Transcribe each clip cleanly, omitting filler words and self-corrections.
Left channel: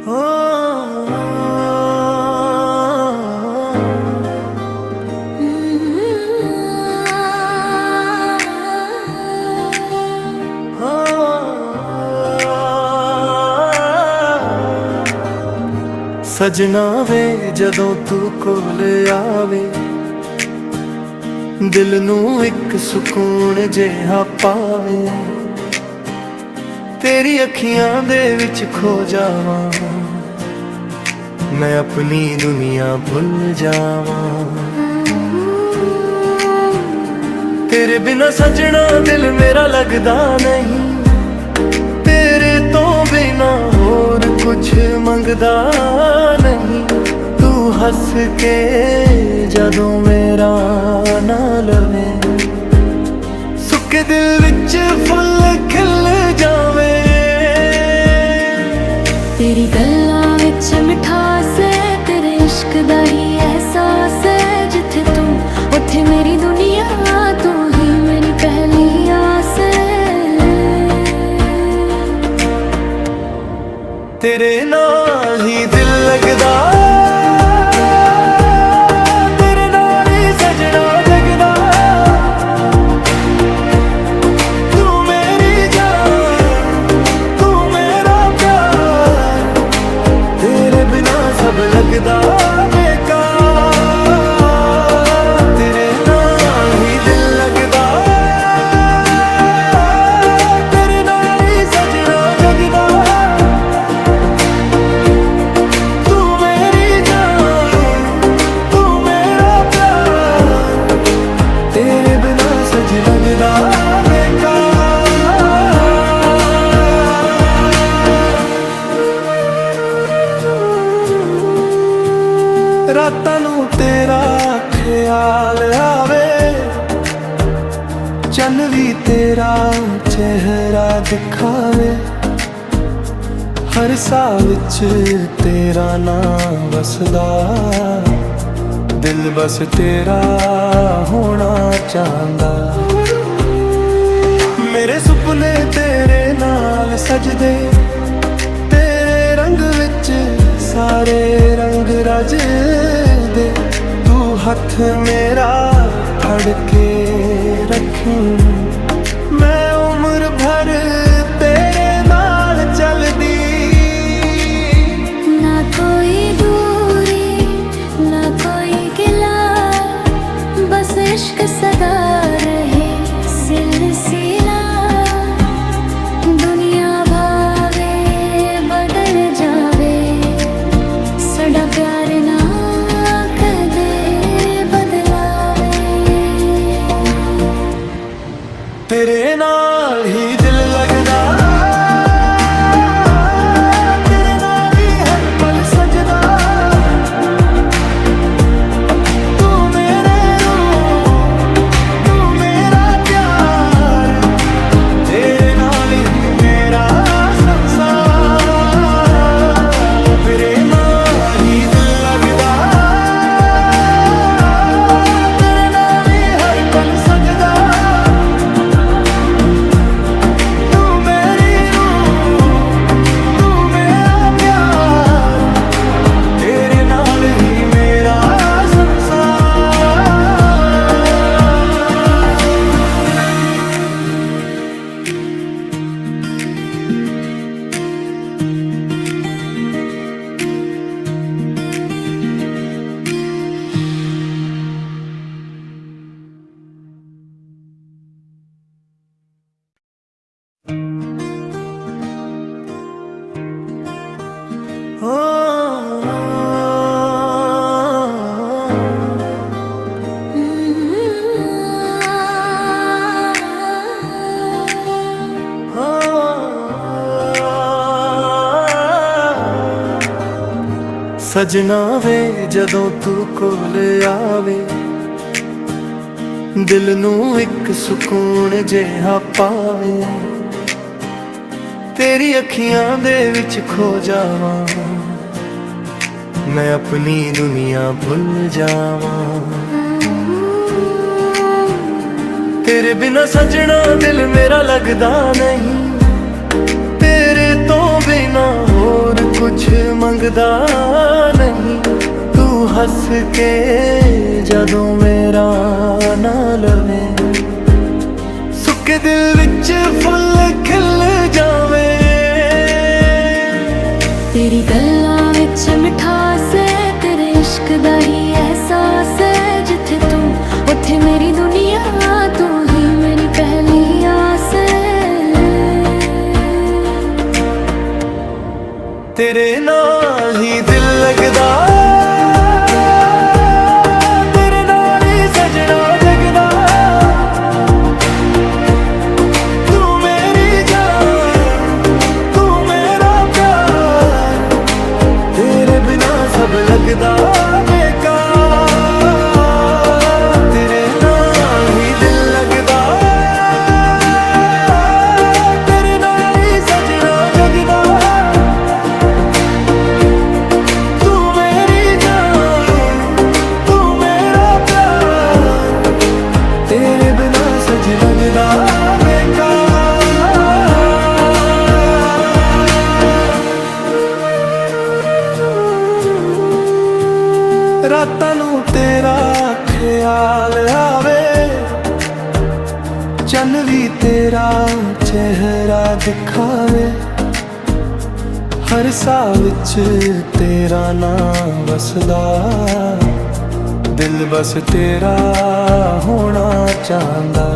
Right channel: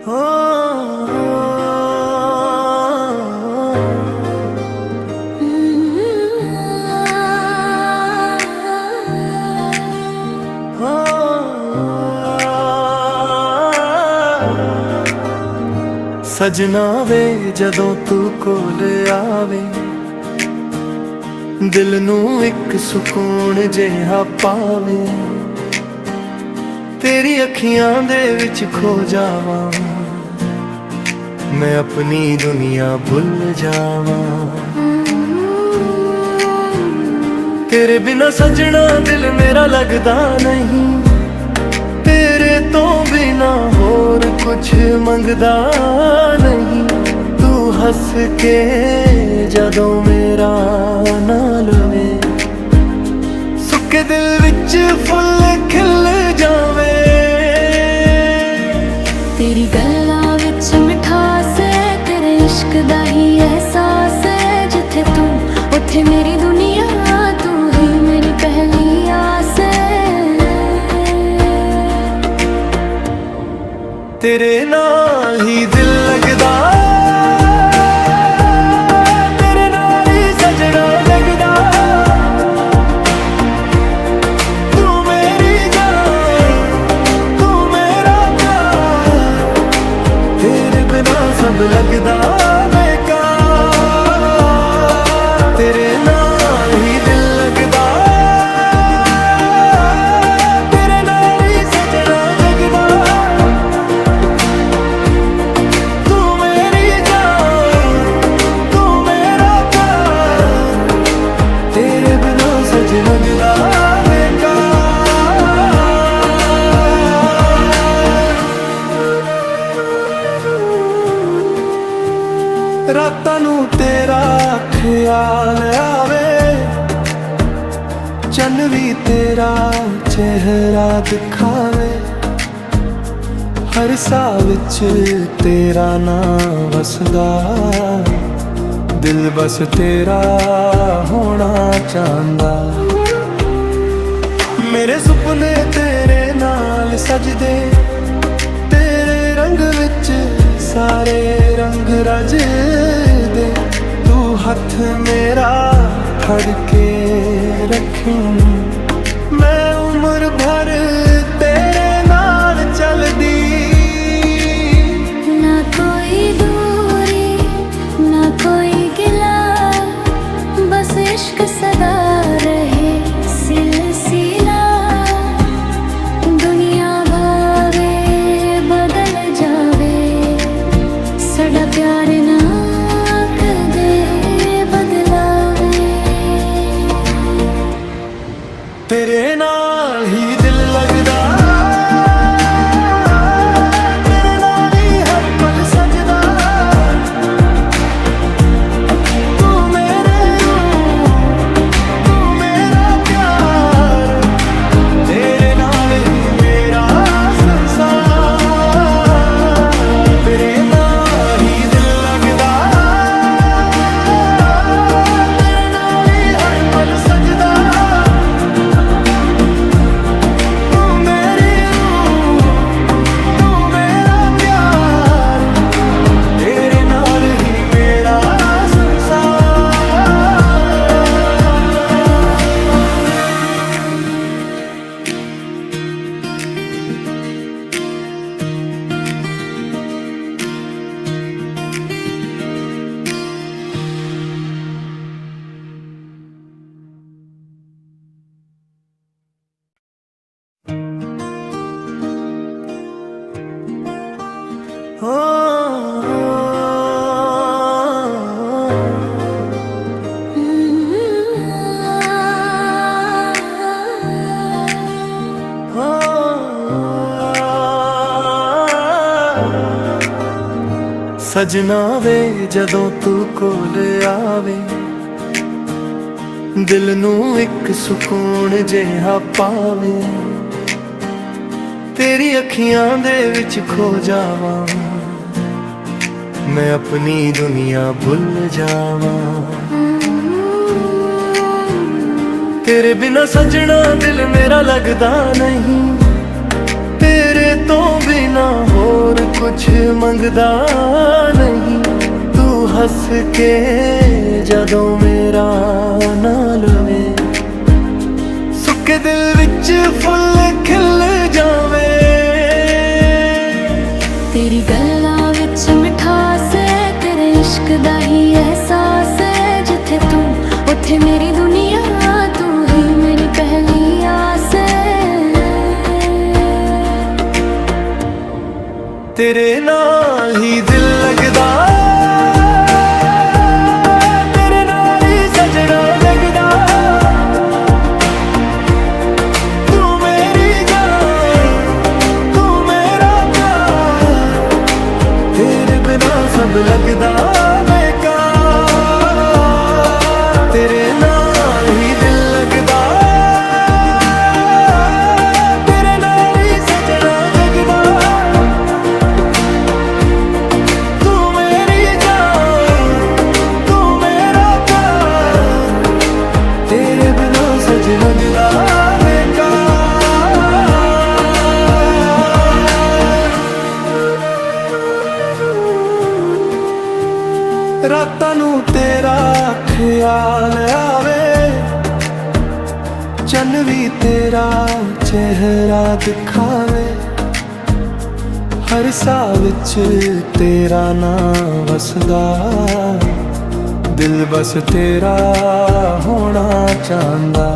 हो सजना वे जदों तू कोल आवे दिल नू एक सुकून जिहा पावे। तेरी अखियां दे विच खो जावां मैं अपनी दुनिया भुल जावां। तेरे बिना सजना दिल मेरा लगदा नहीं, तेरे तो बिना होर कुछ मंगदा नहीं। तू हस के जदों मेरा ना लवे सुके दिल विच फुल खिल जावे। तेरी गल्लां विच मिठास है, तेरे इश्क दा ही एहसास है। जिथे तू उथे मेरी दुनिया, तू ही मेरी पहली आस है। तेरे नाल ही दिल लगदा, तेरे नाल ही सजना जगदा। तू मेरी जान, तू मेरा प्यार, तेरे बिना सब लगदा बेकार। तेरे नाल ही दिल लगदा, तेरे नाल ही सजना जगदा। तेरे बिना सजना जुदा बेकार। रातां नू तेरा ख्याल आवे, चन्न भी तेरा चेहरा दिखावे। हर साल विच तेरा नाम वसदा, दिल बस तेरा होना चाहता। मेरे सुपने तेरे नाल सजदे, तेरे रंग विच सारे रंग रजदे। तू हथ मेरा फड़ के रखी, मैं उम्र भर तेरे नाल चलदी। ना कोई दूरी ना कोई गिला, बस इश्क सदा रहे सिलसिला। दुनिया भावे बदल जावे, साडा प्यार ना कदे बदलावे। तेरे नाल ही दिल लगदा, तेरे नाल ही हर पल सजदा। तेरे नाल ही मेरा संसार, तेरे नाल ही दिल लगदा। तेरे नाल ही हर पल सजदा। तू मेरी रूह, तू मेरा प्यार, तेरे नाल ही मेरा संसार। सजना वे जदों तू कोल आवे दिल नू एक सुकून जिहा पावे। तेरी अखियां दे विच खो जावां मैं अपनी दुनिया भुल जावां। तेरे बिना सजना दिल मेरा लगदा नहीं, तेरे तो बिना होर होर कुछ मंगदा नहीं। तू हस के जदों मेरा ना लवे, सुके दिल विच फुल खिल जावे। तेरी गल्लां विच मिठास है, तेरे इश्क दा ही एहसास है। जिथे तू उथे मेरी दुनिया, तू ही मेरी पहली आस है। तेरे नाल ही दिल लगदा, तेरे नाल ही सजना जगदा। तू मेरी जान, तू मेरा प्यार, तेरे बिना सब लगदा बेकार। तेरे नाल ही दिल लगदा, तेरे नाल ही सजना जगदा। तू मेरी जान, तू मेरा प्यार, तेरे बिना सजना जुदा बेकार। रातां नूं तेरा ख्याल आवे, चन्न भी तेरा चेहरा दिखावे। हर साह विच तेरा नाम वसदा, दिल बस तेरा होना चाहंदा।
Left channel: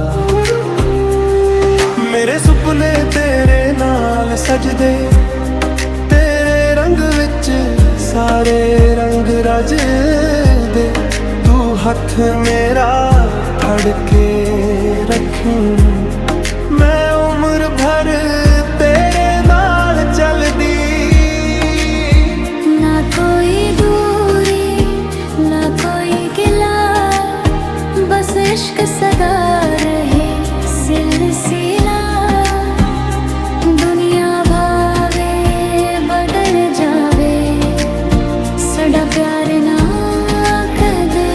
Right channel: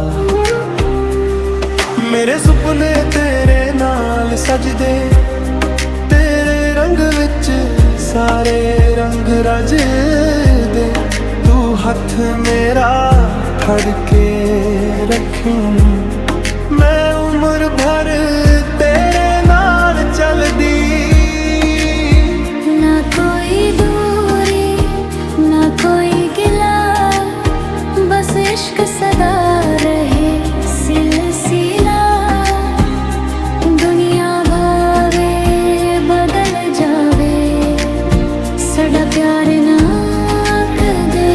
मेरे सुपने तेरे नाल सजदे, तेरे रंग विच सारे रंग रजदे। तू हथ मेरा फड़ के रखी, मैं उम्र भर तेरे नाल चलदी। ना कोई दूरी, ना कोई गिला, बस इश्क सदा रहे सिलसिला। दुनिया भावे बदल जावे, साडा प्यार ना कदे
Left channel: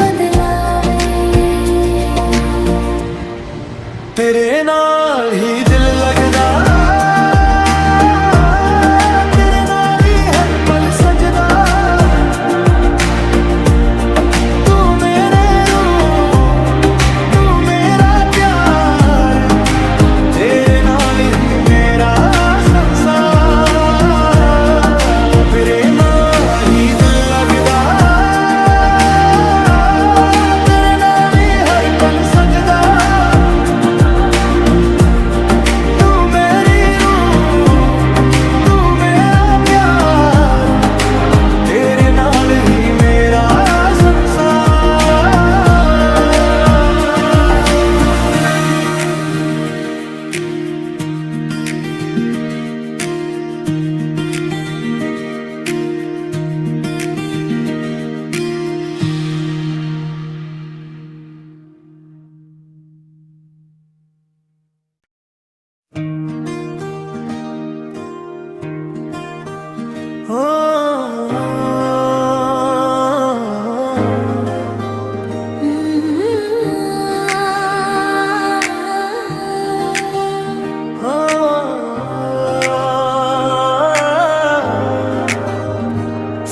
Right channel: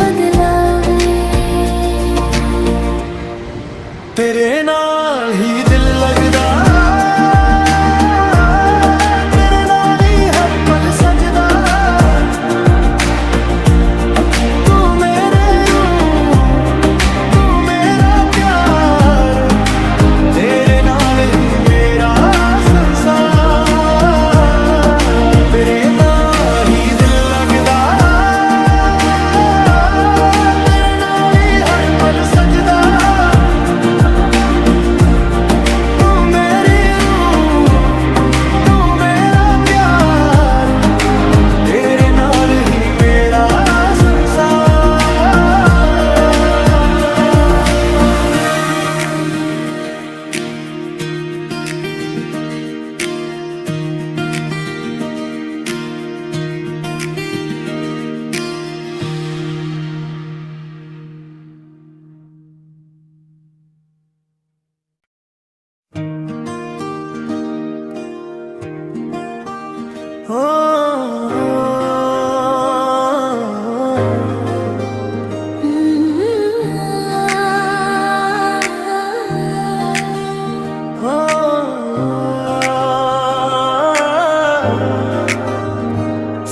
बदलावे। तेरे नाल ही दिल लगदा, तेरे नाल ही हर पल सजदा। तू मेरे रूह, तू मेरा प्यार, तेरे नाल ही मेरा संसार। तेरे नाल ही दिल लगदा, तेरे नाल ही हर पल सजदा। तू मेरी रूह, तू मेरा प्यार, तेरे नाल ही मेरा संसार।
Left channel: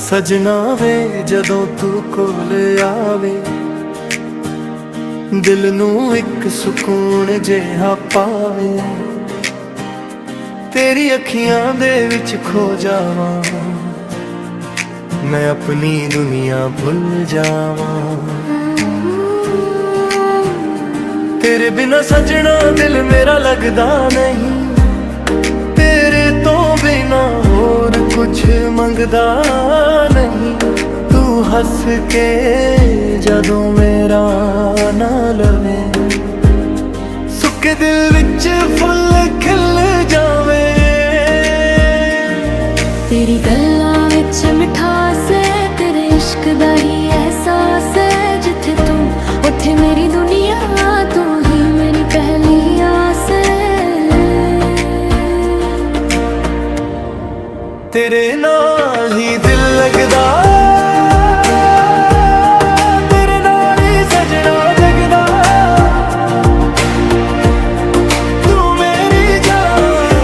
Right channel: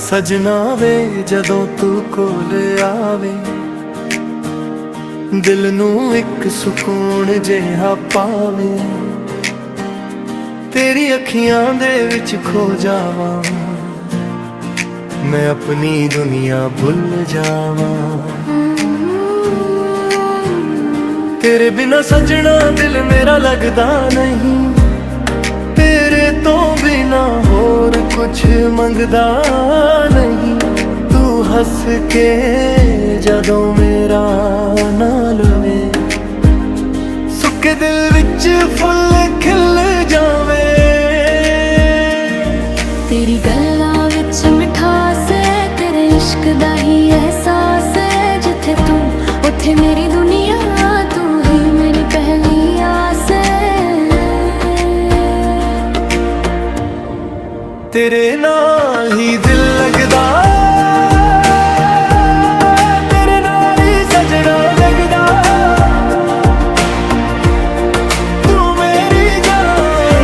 सजना वे जदों तू कोल आवे, दिल नू एक सुकून जिहा पावे। तेरी अखियां दे विच खो जावां, मैं अपनी दुनिया भुल जावां। तेरे बिना सजना दिल मेरा लगदा नहीं। तेरे तो बिना होर कुछ मंगदा नहीं। तू हस के जदों मेरा ना लवे, सुके दिल विच फुल खिल जावे। तेरी गल्लां विच मिठास है, तेरे इश्क दा ही एहसास है। जिथे तू उथे मेरी दुनिया, तू ही मेरी पहली आस है। तेरे नाल ही दिल लगदा, तेरे नाल ही सजना जगदा। तू मेरी जान,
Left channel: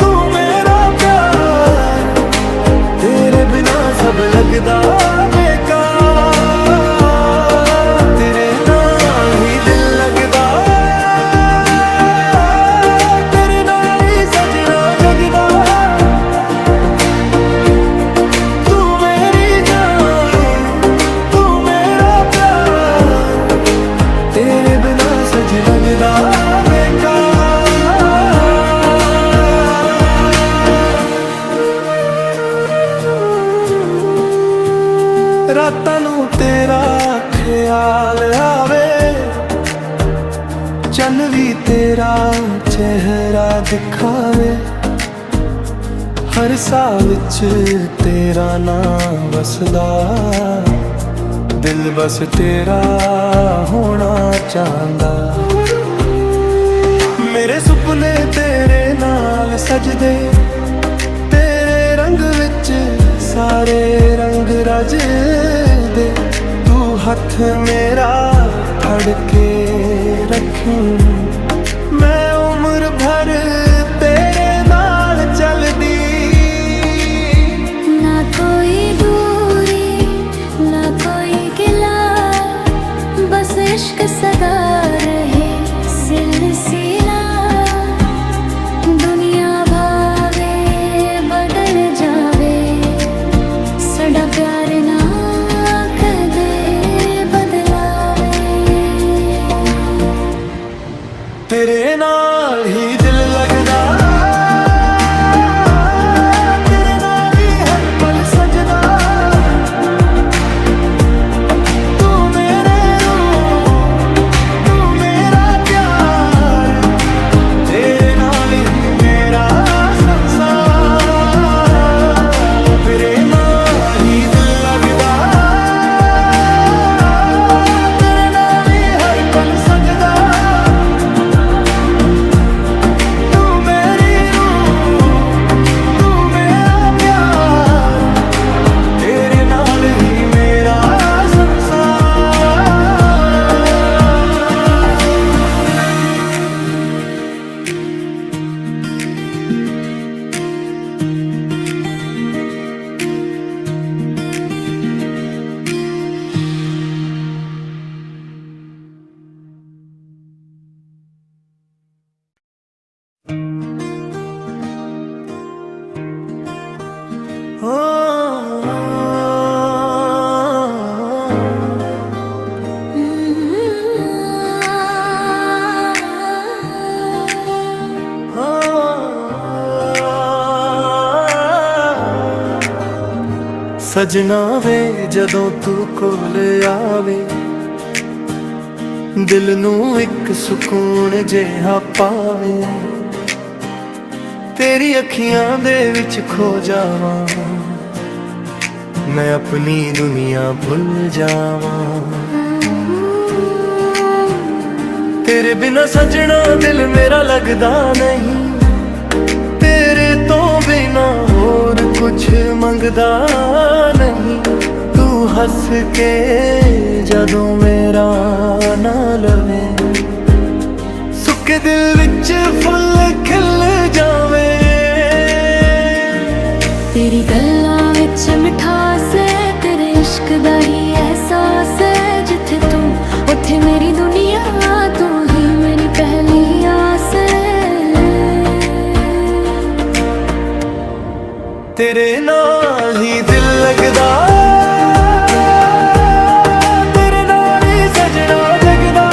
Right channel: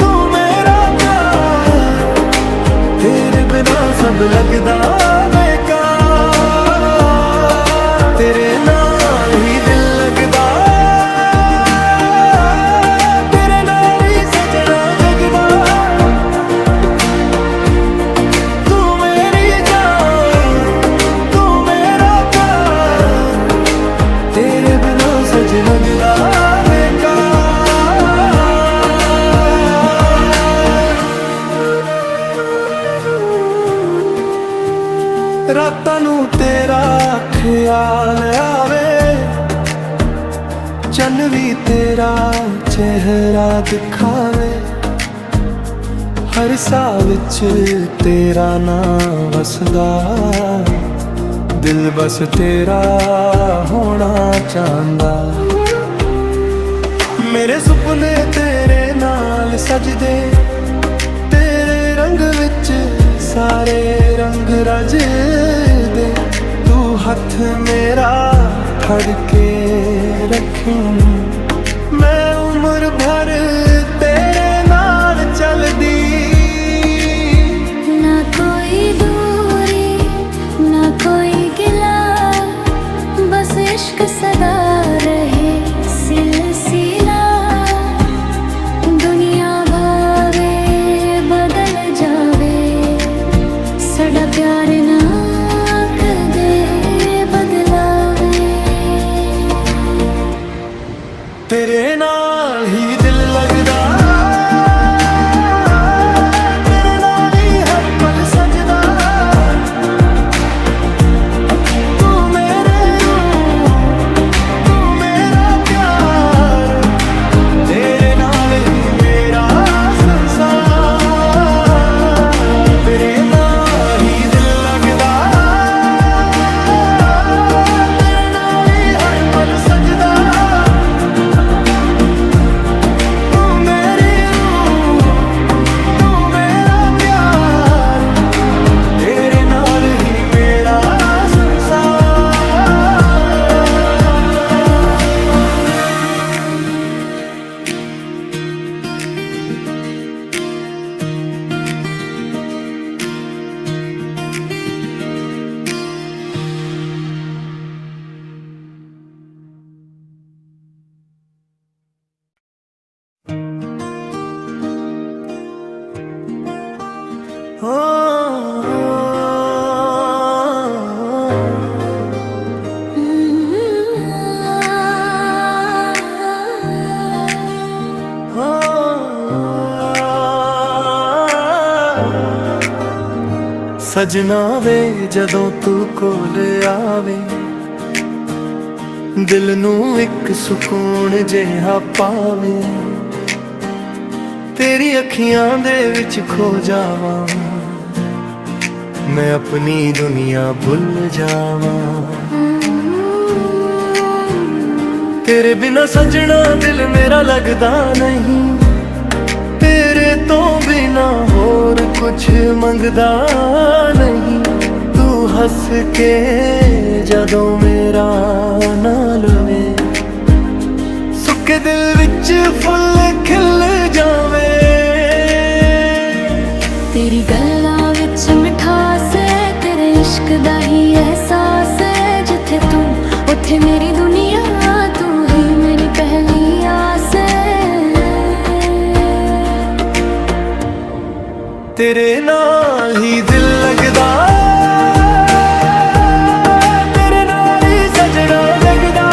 तू मेरा प्यार, सब लगदा बेकार। तेरे नाल ही दिल लगदा, तेरे नाल ही सजना जगदा। तू मेरी जान, तू मेरा प्यार, तेरे बिना सजना जगदा रातां नूं तेरा ख्याल आवे, चन्न भी तेरा चेहरा दिखावे। हर साह विच तेरा नाम वसदा, दिल बस तेरा होना चाहंदा। मेरे सुपने तेरे नाल सजदे, तेरे रंग विच सारे रंग रज दे। तू हथ मेरा फड़ के रखी, मैं उम्र भर तेरे नाल चलदी। ना कोई दूरी ना कोई गिला, बस इश्क सदा रहे सिलसिला। दुनिया भावे बदल जावे, साडा प्यार ना कदे बदलावे। तेरे नाल ही दिल लगदा, तेरे नाल ही हर पल सजदा। तू मेरे रूह, तू मेरा प्यार, तेरे नाल ही मेरा संसार। तेरे नाल ही दिल लगदा, तेरे नाल ही हर पल सजदा। तू मेरी रूह, तू मेरा प्यार, तेरे नाल ही मेरा संसार। सजना वे जदों तू कोल आवे, दिल नू एक सुकून जिहा पावे। तेरी अखियां दे विच खो जावां, मैं अपनी दुनिया भुल जावां। तेरे बिना सजना दिल मेरा लगदा नहीं, तेरे तो बिना होर कुछ मंगदा नहीं। तू हंस के जदों मेरा ना लवे, सुके दिल विच फुल खिल जावे। तेरी गल्लां विच मिठास है, तेरे इश्क दा ही एहसास है। जिथे तू उथे मेरी दुनिया, तू ही मेरी पहली आस है। तेरे नाल ही दिल लगदा, तेरे नाल ही सजना जगदा।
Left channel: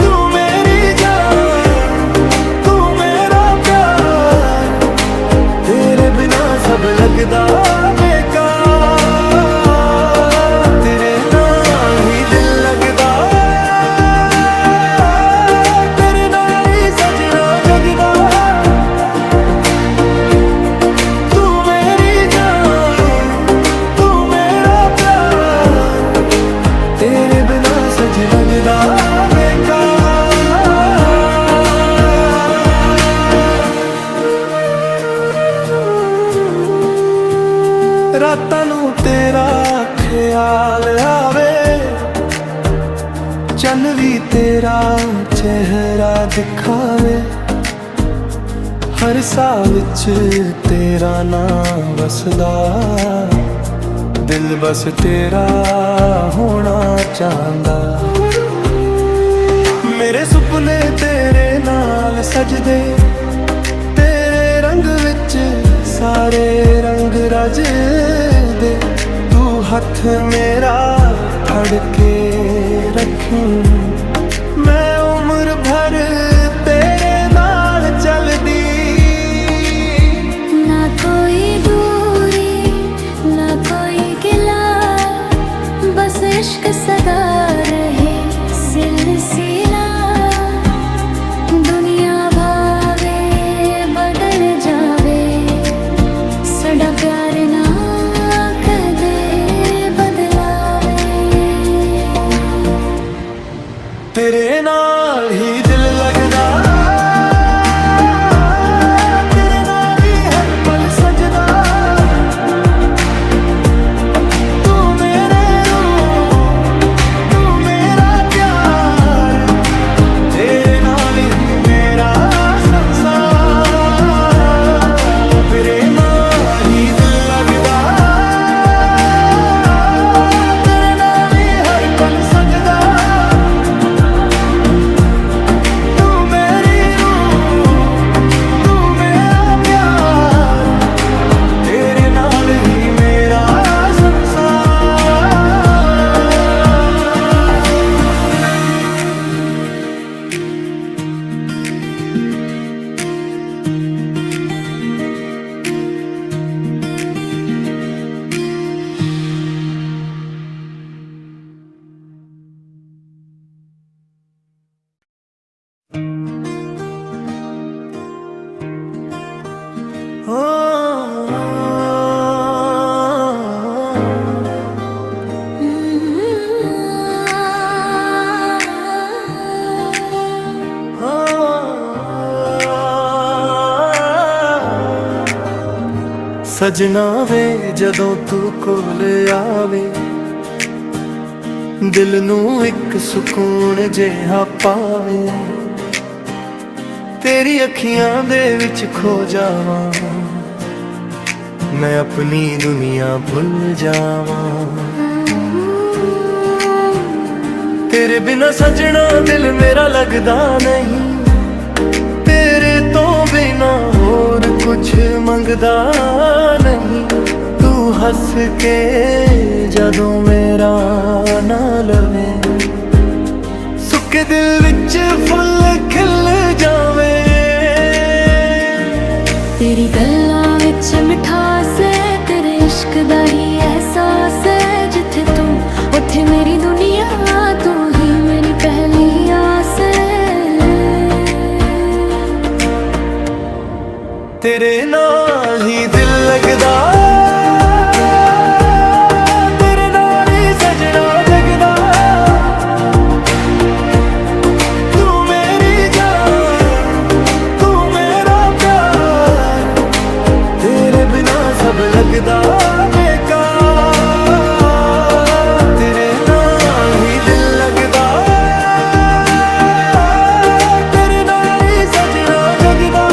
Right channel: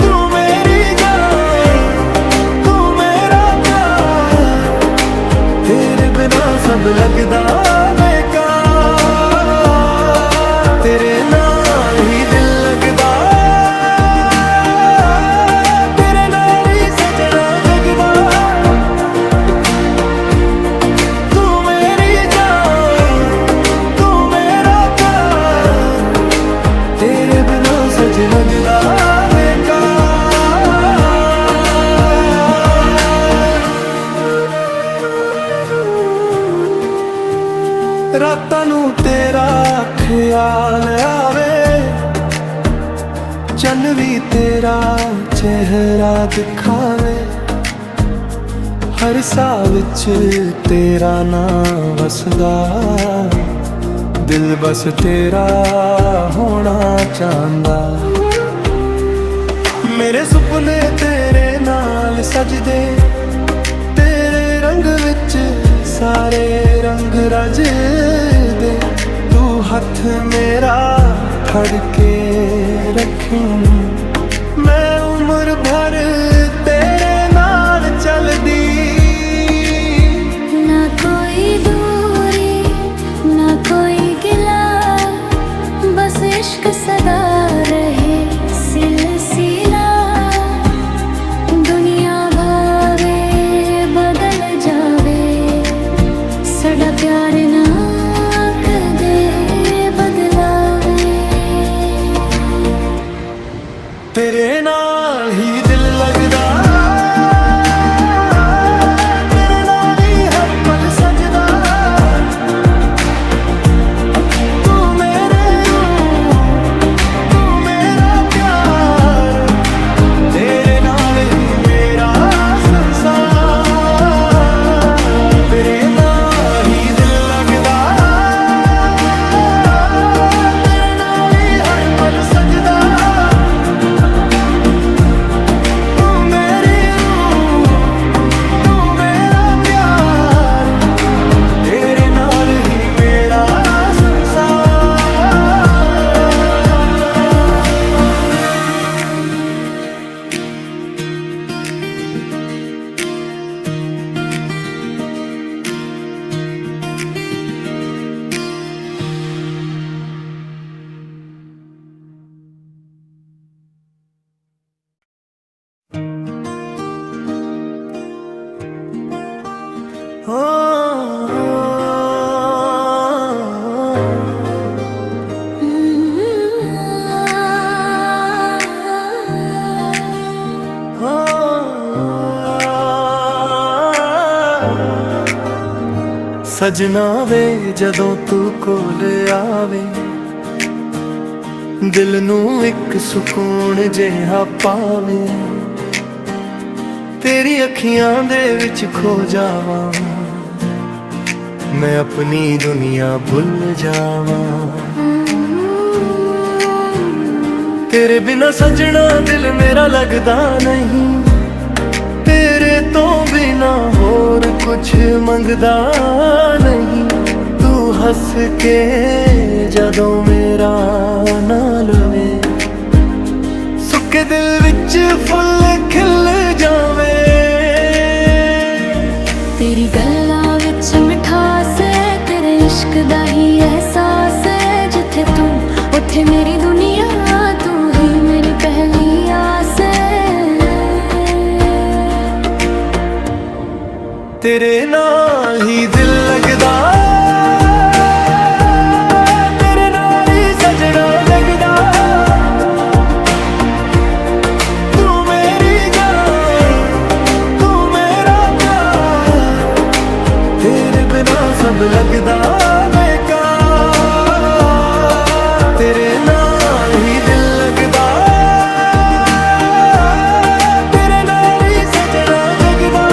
तू मेरी जान, तू मेरा प्यार, तेरे बिना सब लगदा बेकार। तेरे नाल ही दिल लगदा, तेरे नाल ही सजना जगदा। तू मेरी जान, तू मेरा प्यार, तेरे बिना सजना जुदा बेकार। रातां नूं तेरा ख्याल आवे, चन्न भी तेरा चेहरा दिखावे। ਹਰ ਸਾਹ ਵਿੱਚ ਤੇਰਾ ਨਾਂ ਵਸਦਾ, ਦਿਲ ਬਸ ਤੇਰਾ ਹੋਣਾ ਚਾਹੁੰਦਾ। ਮੇਰੇ ਸੁਪਨੇ ਤੇਰੇ ਨਾਲ ਸਜਦੇ, ਤੇਰੇ ਰੰਗ ਵਿੱਚ ਸਾਰੇ ਰੰਗ ਰਜਦੇ। ਤੂੰ ਹੱਥ ਮੇਰਾ ਫੜ ਕੇ ਰੱਖੀਂ, ਮੈਂ ਉਮਰ ਭਰ ਤੇਰੇ ਨਾਲ ਚੱਲਦੀ। ना कोई दूरी ना कोई गिला, बस इश्क सदा रहे सिलसिला। दुनिया भावे बदल जावे, साडा प्यार ना कदे बदलावे। तेरे नाल ही दिल लगदा, तेरे नाल ही हर पल सजदा। तू मेरे रूह, तू मेरा प्यार, तेरे नाल ही मेरा संसार। तेरे नाल ही दिल लगदा, तेरे नाल ही हर पल सजदा। सजना वे जदों तू कोल आवे, दिल नू एक सुकून जिहा पावे। तेरी अखियां दे विच खो जावां, मैं अपनी दुनिया भुल जावां। तेरे बिना सजना दिल मेरा लगदा नहीं, तेरे तो बिना होर कुछ मंगदा नहीं। तू हंस के जदों मेरा ना लवे, सुके दिल विच फुल खिल जावे। तेरी गल्लां विच मिठास है, तेरे इश्क दा ही एहसास है। जिथे तू उथे मेरी दुनिया, तू ही मेरी पहली आस है। तेरे नाल ही दिल लगदा, तेरे नाल ही सजना जगदा। तू मेरी जान, तू मेरा प्यार, तेरे बिना सब लगदा बेकार। तेरे नाल ही दिल लगदा, तेरे नाल ही सजना जगदा।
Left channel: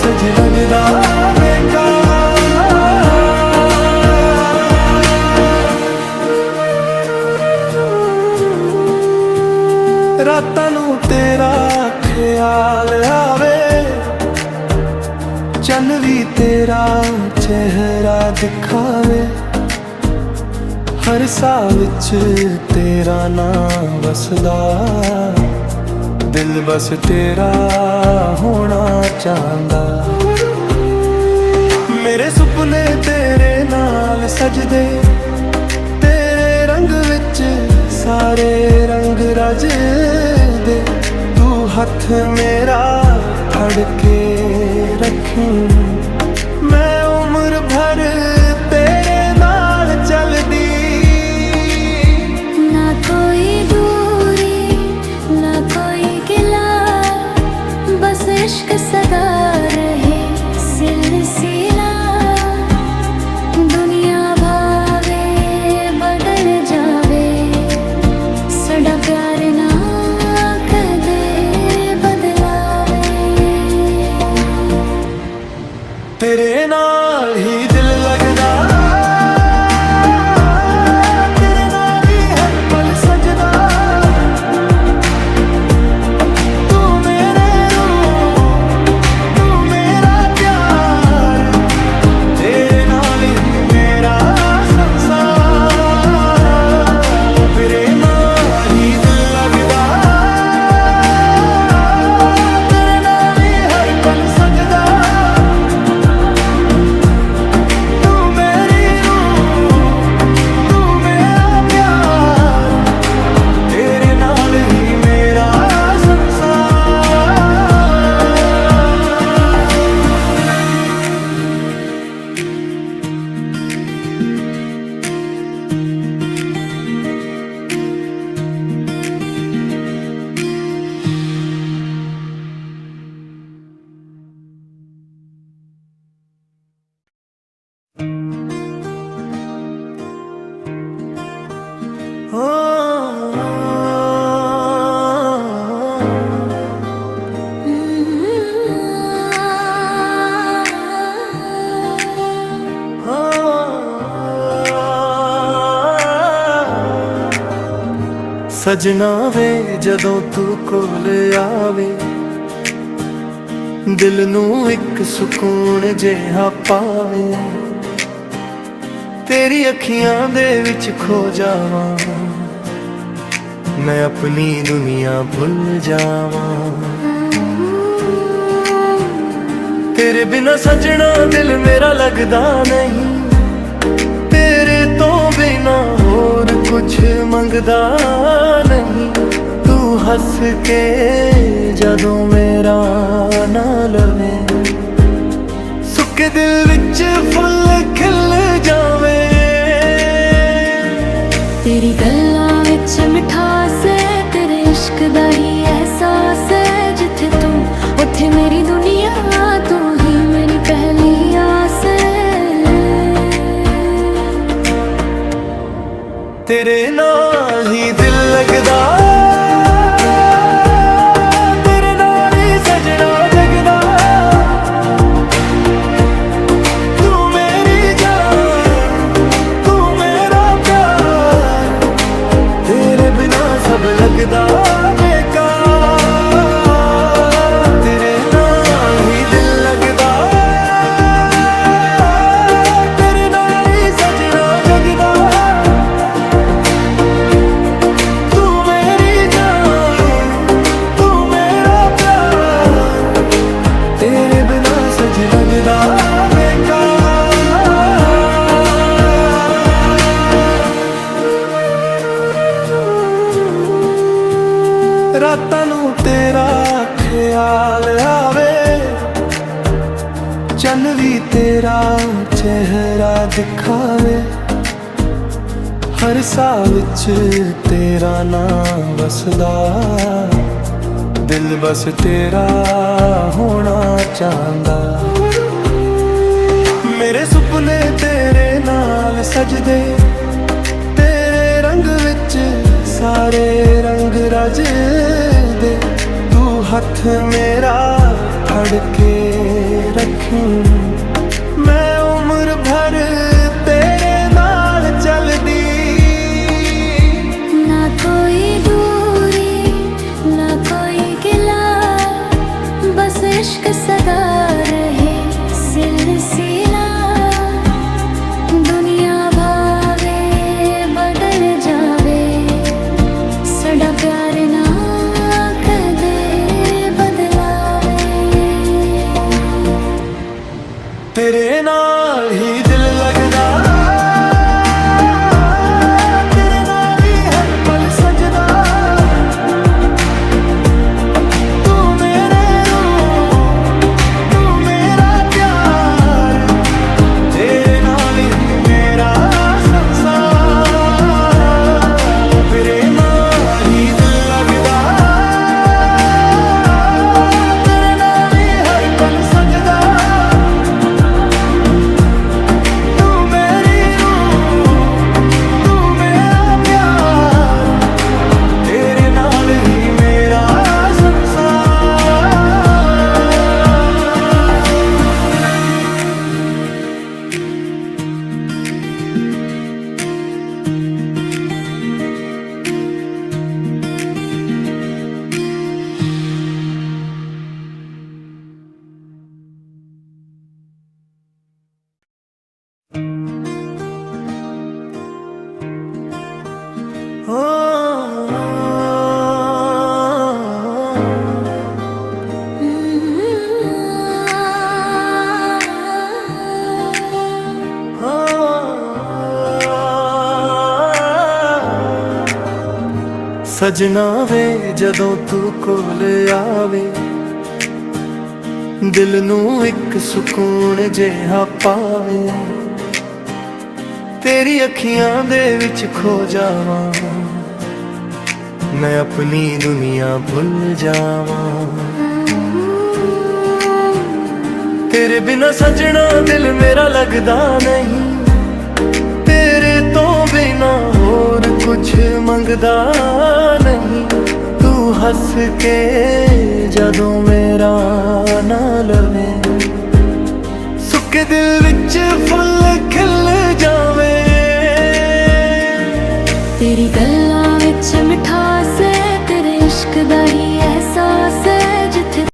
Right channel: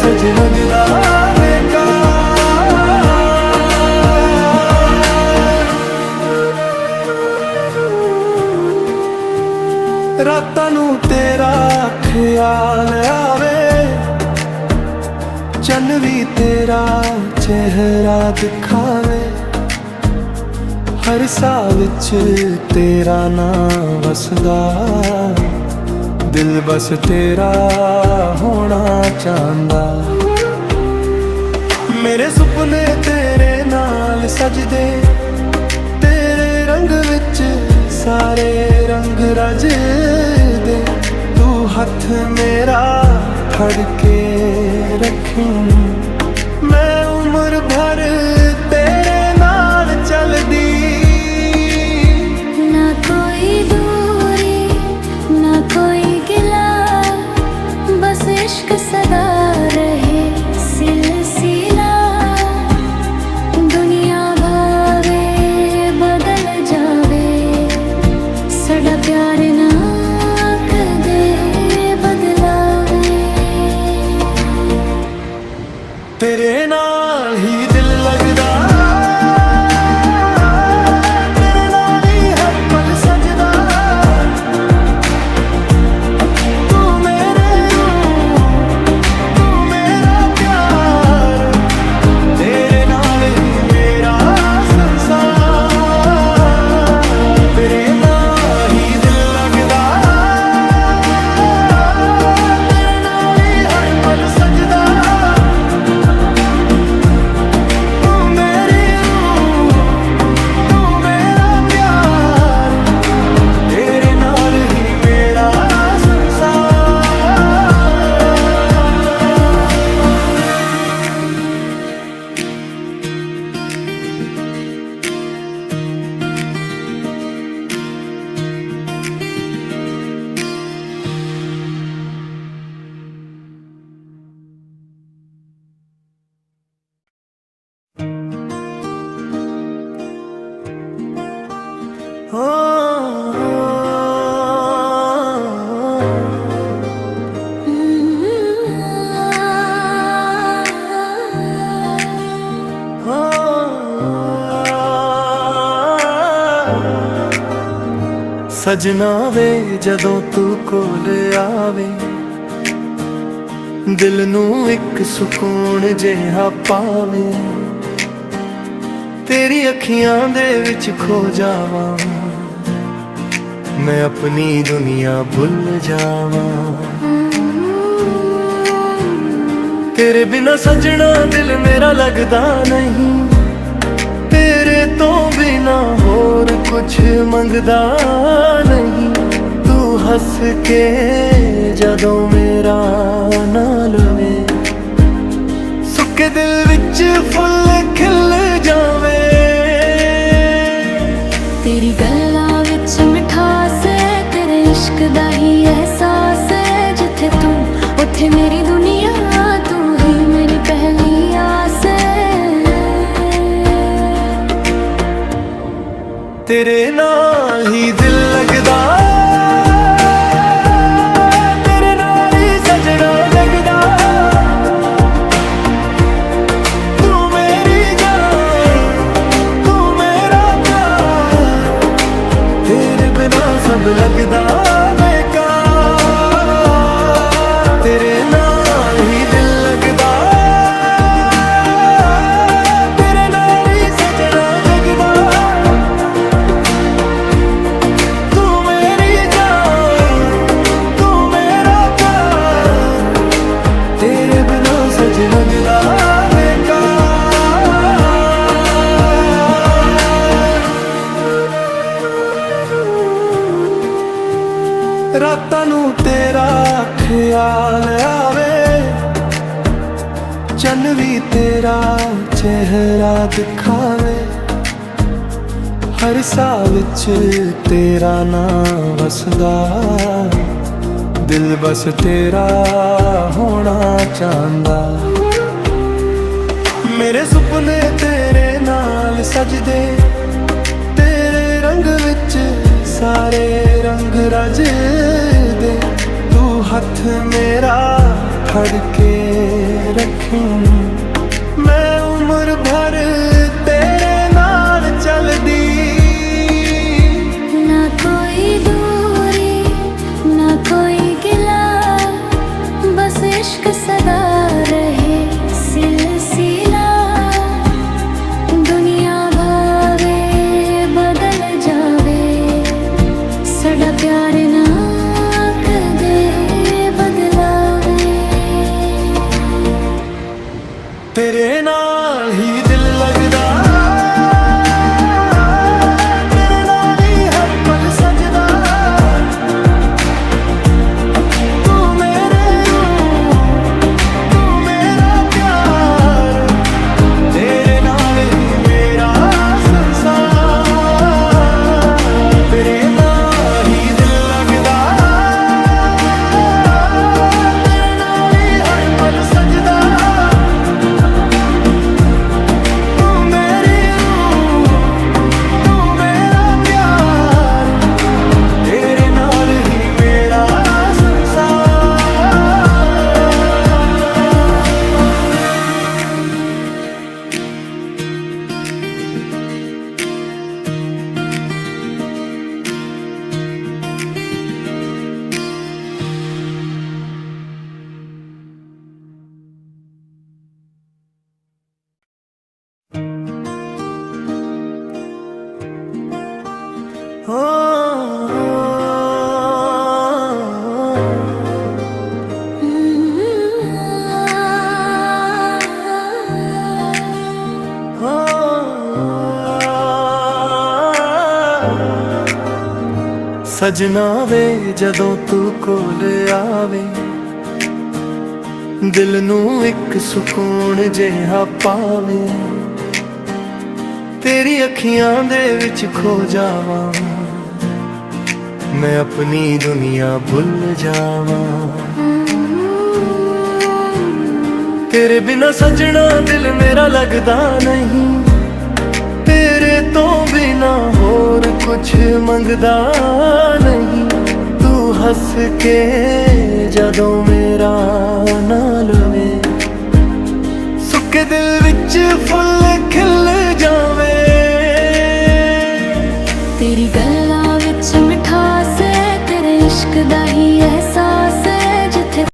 सजना जुदा बेकार। रातां नू तेरा ख्याल आवे, चन्न भी तेरा चेहरा दिखावे। हर साह विच तेरा नां वसदा, दिल बस तेरा होना चाहता। मेरे सुपने तेरे नाल सजदे, तेरे रंग विच सारे रंग रजदे। तू हथ मेरा फड़ के रखीं, मैं उम्र भर तेरे नाल चलदी। ना कोई दूरी ना कोई गिला, बस इश्क सदा रहे सिलसिला। दुनिया भावे ਸਾਡਾ ਪਿਆਰ ਨਾ ਕਦੇ ਬਦਲਾਵੇ। ਤੇਰੇ ਨਾਲ ਹੀ ਦਿਲ ਲੱਗਦਾ, ਤੇਰੇ ਨਾਲ ਹੀ ਹਰ ਪਲ ਸਜਦਾ। ਤੂੰ ਮੇਰੇ ਰੂਹ, ਤੂੰ ਮੇਰਾ ਪਿਆਰ, ਤੇਰੇ ਨਾਲ ਹੀ ਮੇਰਾ ਸੰਸਾਰ। ਤੇਰੇ ਨਾਲ ਹੀ ਦਿਲ ਲੱਗਦਾ, ਤੇਰੇ ਨਾਲ ਹੀ ਹਰ ਪਲ ਸਜਦਾ। ਸਜਣਾ ਵੇ ਜਦੋਂ ਤੂੰ ਕੋਲ ਆਵੇ, ਦਿਲ ਨੂੰ ਇੱਕ ਸਕੂਨ ਜਿਹਾ ਪਾਵੇ। ਤੇਰੀ ਅੱਖੀਆਂ ਦੇ ਵਿੱਚ ਖੋ ਜਾਵਾਂ, ਮੈਂ ਆਪਣੀ ਦੁਨੀਆ ਭੁੱਲ ਜਾਵਾਂ। ਤੇਰੇ ਬਿਨਾ ਸਜਣਾ ਦਿਲ ਮੇਰਾ ਲੱਗਦਾ ਨਹੀਂ, ਤੇਰੇ ਤੋਂ ਬਿਨਾ ਹੋਰ ਕੁਝ ਮੰਗਦਾ ਨਹੀਂ। ਤੂੰ ਹੱਸ ਕੇ ਜਦੋਂ ਮੇਰਾ ਨਾਂ ਲਵੇ, ਸੁੱਕੇ ਦਿਲ ਵਿੱਚ ਫੁੱਲ ਖਿਲ ਜਾਵੇ। ਤੇਰੀ ਗੱਲਾਂ ਵਿੱਚ ਮਿਠਾਸ ਹੈ, ਤੇਰੇ ਇਸ਼ਕ ਦਾ ਹੀ ਅਹਿਸਾਸ ਹੈ। ਜਿੱਥੇ ਤੂੰ ਉੱਥੇ ਮੇਰੀ ਦੁਨੀਆ, ਤੂੰ ਹੀ ਮੇਰੀ ਪਹਿਲੀ ਆਸ ਹੈ। ਤੇਰੇ ਨਾਲ ਹੀ ਦਿਲ ਲੱਗਦਾ, ਤੇਰੇ ਨਾਲ ਹੀ ਸਜਣਾ ਜਗਦਾ। ਤੂੰ ਮੇਰੀ ਜਾਨ, ਤੂੰ ਮੇਰਾ ਪਿਆਰ, ਤੇਰੇ ਬਿਨਾ ਸਭ ਲੱਗਦਾ ਬੇਕਾਰ। ਤੇਰੇ ਨਾਲ ਹੀ ਦਿਲ ਲੱਗਦਾ, ਲੱਗਦਾ ਬੇਕਾਰ। ਰਾਤਾਂ ਨੂੰ ਤੇਰਾ ਖਿਆਲ ਆਵੇ, ਚੰਨ ਵੀ ਤੇਰਾ ਚਿਹਰਾ ਦਿਖਾਵੇ। ਹਰ ਸਾਹ ਵਿੱਚ ਤੇਰਾ ਨਾਂ ਵਸਦਾ, ਦਿਲ ਬਸ ਤੇਰਾ ਹੋਣਾ ਚਾਹੁੰਦਾ। ਮੇਰੇ ਸੁਪਨੇ ਤੇਰੇ ਨਾਲ ਸਜਦੇ, ਤੇਰੇ ਰੰਗ ਵਿੱਚ ਸਾਰੇ ਰੰਗ ਰਜਦੇ। ਤੂੰ ਹੱਥ ਮੇਰਾ ਫੜ ਕੇ ਰੱਖੀਂ, ਮੈਂ ਉਮਰ ਭਰ ਤੇਰੇ ਨਾਲ ਚੱਲਦੀ। ਨਾ ਕੋਈ ਦੂਰੀ ना कोई गिला, बस इश्क सदा रहे सिलसिला। दुनिया भावे बदल जावे, साडा प्यार ना कदे बदलावे। तेरे नाल ही दिल लगदा, तेरे नाल ही हर पल सजदा। ਤੂੰ ਮੇਰੇ ਹੋ ਸਜਣਾ ਵੇ ਜਦੋਂ ਤੂੰ ਕੋਲ ਆਵੇ ਦਿਲ ਨੂੰ ਇੱਕ ਸਕੂਨ ਜਿਹਾ ਪਾਵੇ ਤੇਰੀ ਅੱਖੀਆਂ ਦੇ ਵਿੱਚ ਖੋ ਜਾਵਾਂ ਮੈਂ ਆਪਣੀ ਦੁਨੀਆ ਭੁੱਲ ਜਾਵਾਂ ਤੇਰੇ ਬਿਨਾ ਸਜਣਾ ਦਿਲ ਮੇਰਾ ਲੱਗਦਾ ਨਹੀਂ ਤੇਰੇ ਤੋਂ ਬਿਨਾ ਹੋਰ ਕੁਝ ਮੰਗਦਾ ਨਹੀਂ ਤੂੰ ਹੱਸ ਕੇ ਜਦੋਂ ਮੇਰਾ ਨਾਂ ਲਵੇ ਸੁੱਕੇ ਦਿਲ ਵਿੱਚ ਫੁੱਲ ਖਿਲ ਜਾਵੇ ਤੇਰੀ ਗੱਲਾਂ ਵਿੱਚ ਮਿਠਾਸ ਹੈ ਤੇਰੇ ਇਸ਼ਕ ਦਾ ਹੀ ਅਹਿਸਾਸ